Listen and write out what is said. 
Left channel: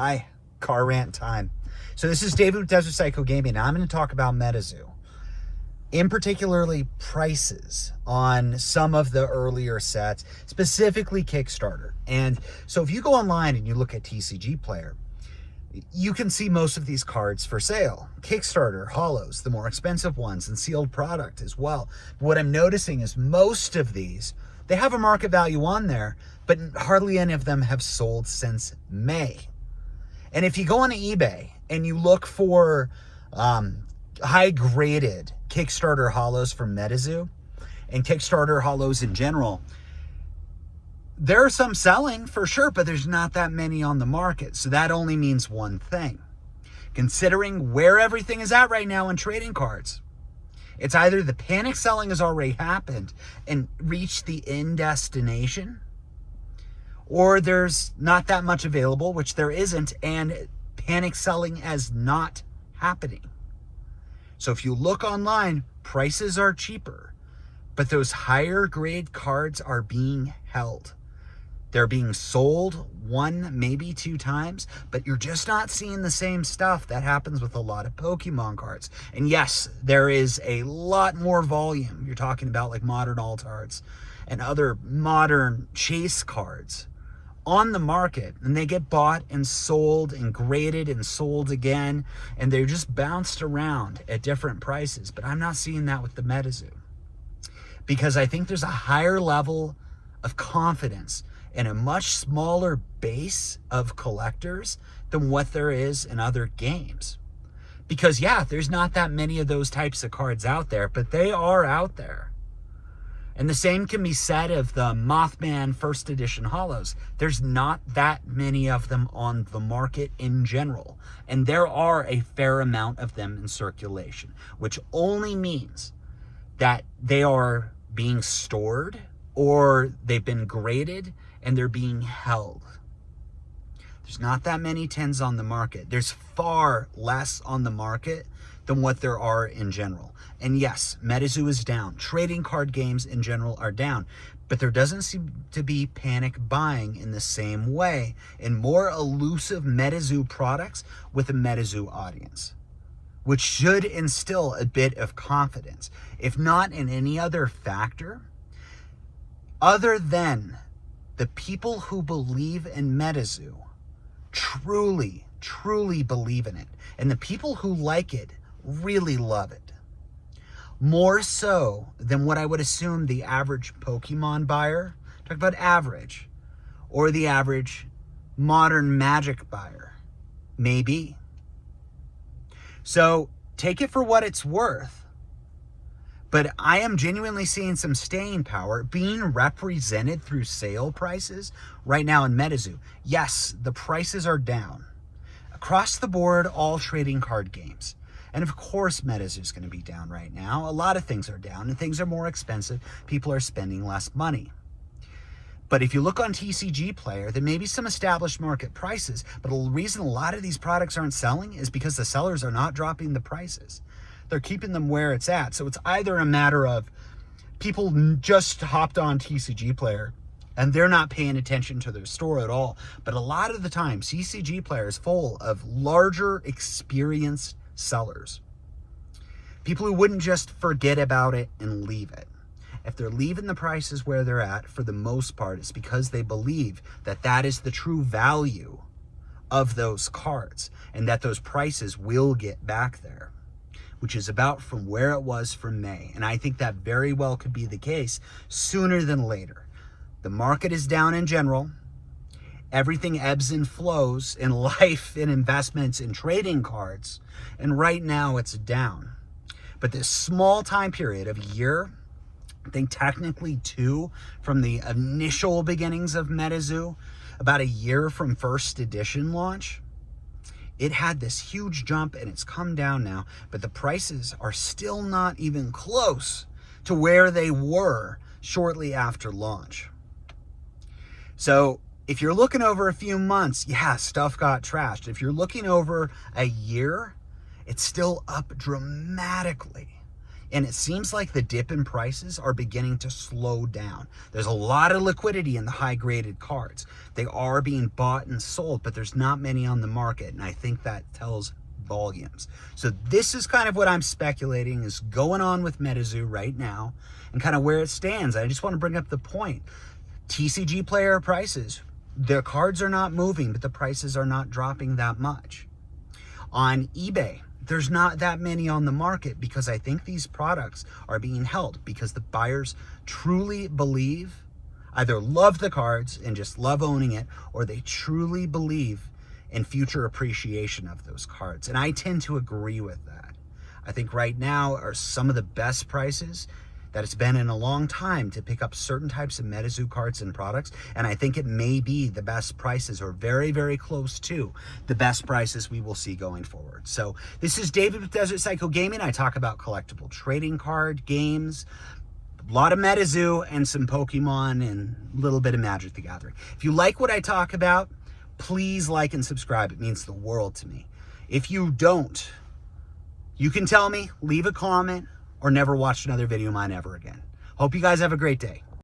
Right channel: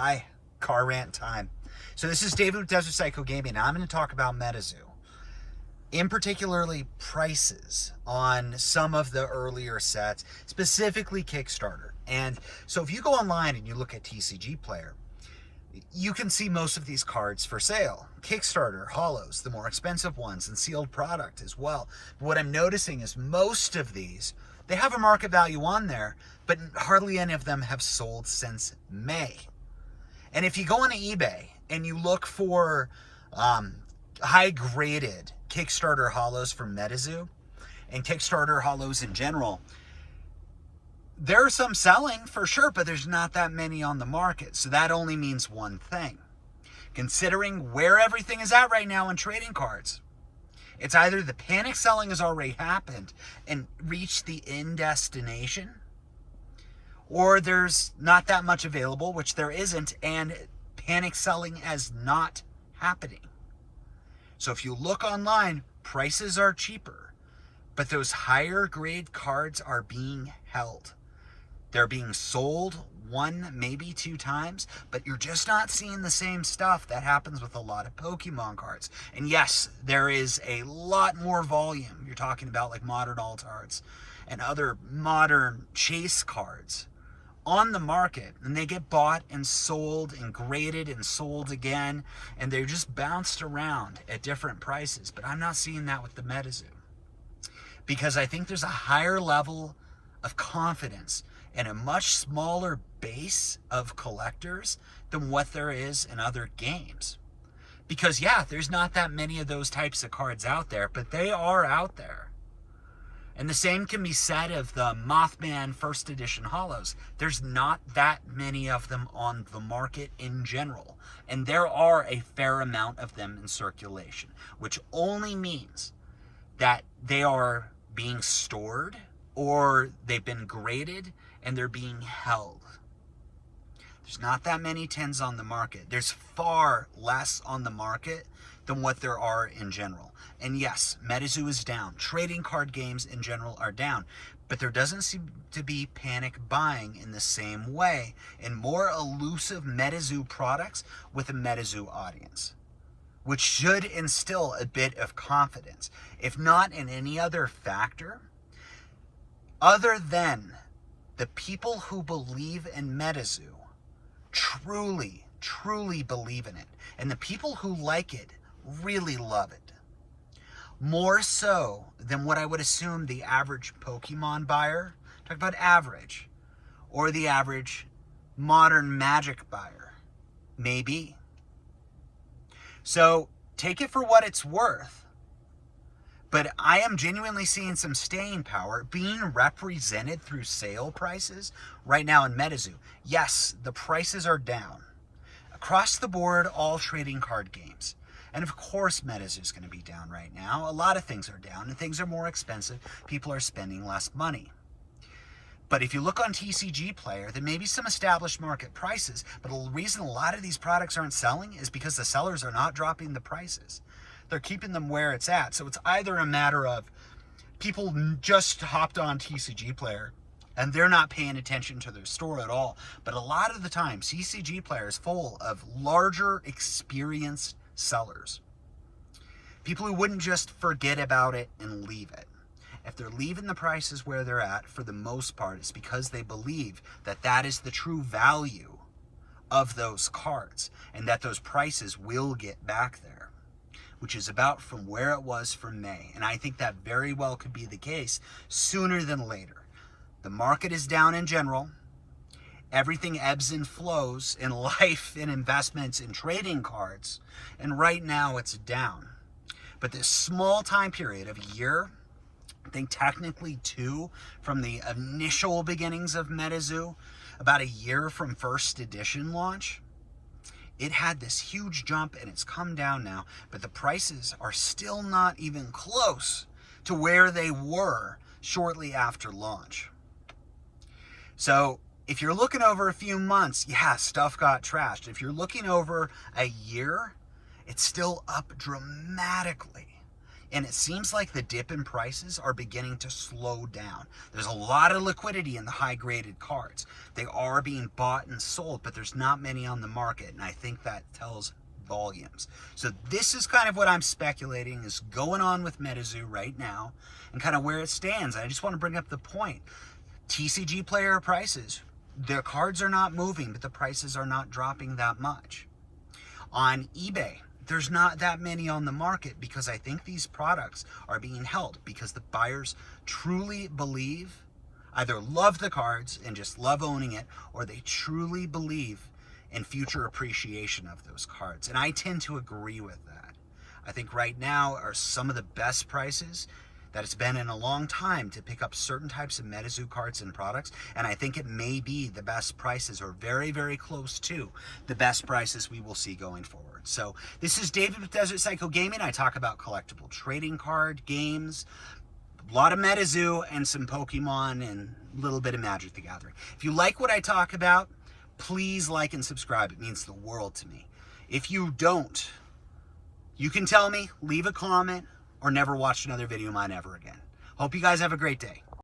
Hi, car rant time. So this is David with Desert Psycho Gaming, and I'm going to talk about Metazoo. In particularly prices on some of the earlier sets, specifically Kickstarter. And so if you go online and you look at TCG Player, you can see most of these cards for sale. Kickstarter, holos, the more expensive ones, and sealed product as well. What I'm noticing is most of these, they have a market value on there, but hardly any of them have sold since May. And if you go on eBay and you look for high-graded Kickstarter holos from Metazoo and Kickstarter holos in general, there are some selling for sure, but there's not that many on the market. So that only means one thing. Considering where everything is at right now in trading cards, it's either the panic selling has already happened and reached the end destination, or there's not that much available, which there isn't, and panic selling is not happening. So if you look online, prices are cheaper, but those higher grade cards are being held. They're being sold one, maybe two times, but you're just not seeing the same stuff that happens with a lot of Pokemon cards. And yes, there is a lot more volume. You're talking about like modern alt-arts and other modern chase cards on the market, and they get bought and sold and graded and sold again, and they're just bounced around at different prices. But I'm not seeing that with the Metazoo, because I think there's a higher level of confidence and a much smaller base of collectors than what there is in other games. Because yeah, there's not that many of those types of cards out there, but they are out there. And the same can be said of the Mothman first edition holos. There's not that many of them on the market in general. And there are a fair amount of them in circulation, which only means that they are being stored or they've been graded and they're being held. There's not that many 10s on the market. There's far less on the market than what there are in general. And yes, Metazoo is down. Trading card games in general are down. But there doesn't seem to be panic buying in the same way in more elusive Metazoo products with a Metazoo audience, which should instill a bit of confidence, if not in any other factor, other than the people who believe in Metazoo truly, truly believe in it. And the people who like it really love it. More so than what I would assume the average Pokemon buyer, talk about average, or the average modern Magic buyer may be. So take it for what it's worth. But I am genuinely seeing some staying power being represented through sale prices right now in Metazoo. Yes, the prices are down. Across the board, all trading card games. And of course, Metazoo is going to be down right now. A lot of things are down and things are more expensive. People are spending less money. But if you look on TCG Player, there may be some established market prices, but the reason a lot of these products aren't selling is because the sellers are not dropping the prices. They're keeping them where it's at. So it's either a matter of people just hopped on TCG Player and they're not paying attention to their store at all. But a lot of the time, TCG Player is full of larger, experienced sellers. People who wouldn't just forget about it and leave it. If they're leaving the prices where they're at, for the most part, it's because they believe that that is the true value of those cards and that those prices will get back there, which is about from where it was from May. And I think that very well could be the case sooner than later. The market is down in general. Everything ebbs and flows in life, in investments, in trading cards. And right now it's down. But this small time period of a year, I think technically 2 from the initial beginnings of Metazoo, about a year from first edition launch, it had this huge jump and it's come down now, but the prices are still not even close to where they were shortly after launch. So if you're looking over a few months, yeah, stuff got trashed. If you're looking over a year, it's still up dramatically. And it seems like the dip in prices are beginning to slow down. There's a lot of liquidity in the high-graded cards. They are being bought and sold, but there's not many on the market, and I think that tells volumes. So this is kind of what I'm speculating is going on with Metazoo right now and kind of where it stands. I just want to bring up the point. TCG player prices, their cards are not moving, but the prices are not dropping that much. On eBay, there's not that many on the market because I think these products are being held because the buyers truly believe, either love the cards and just love owning it, or they truly believe in future appreciation of those cards. And I tend to agree with that. I think right now are some of the best prices that it's been in a long time to pick up certain types of Metazoo cards and products, and I think it may be the best prices or very, very close to the best prices we will see going forward. So this is David with Desert Psycho Gaming. I talk about collectible trading card games, a lot of Metazoo, and some Pokemon, and a little bit of Magic the Gathering. If you like what I talk about, please like and subscribe. It means the world to me. If you don't, you can tell me, leave a comment, or never watch another video of mine ever again. Hope you guys have a great day.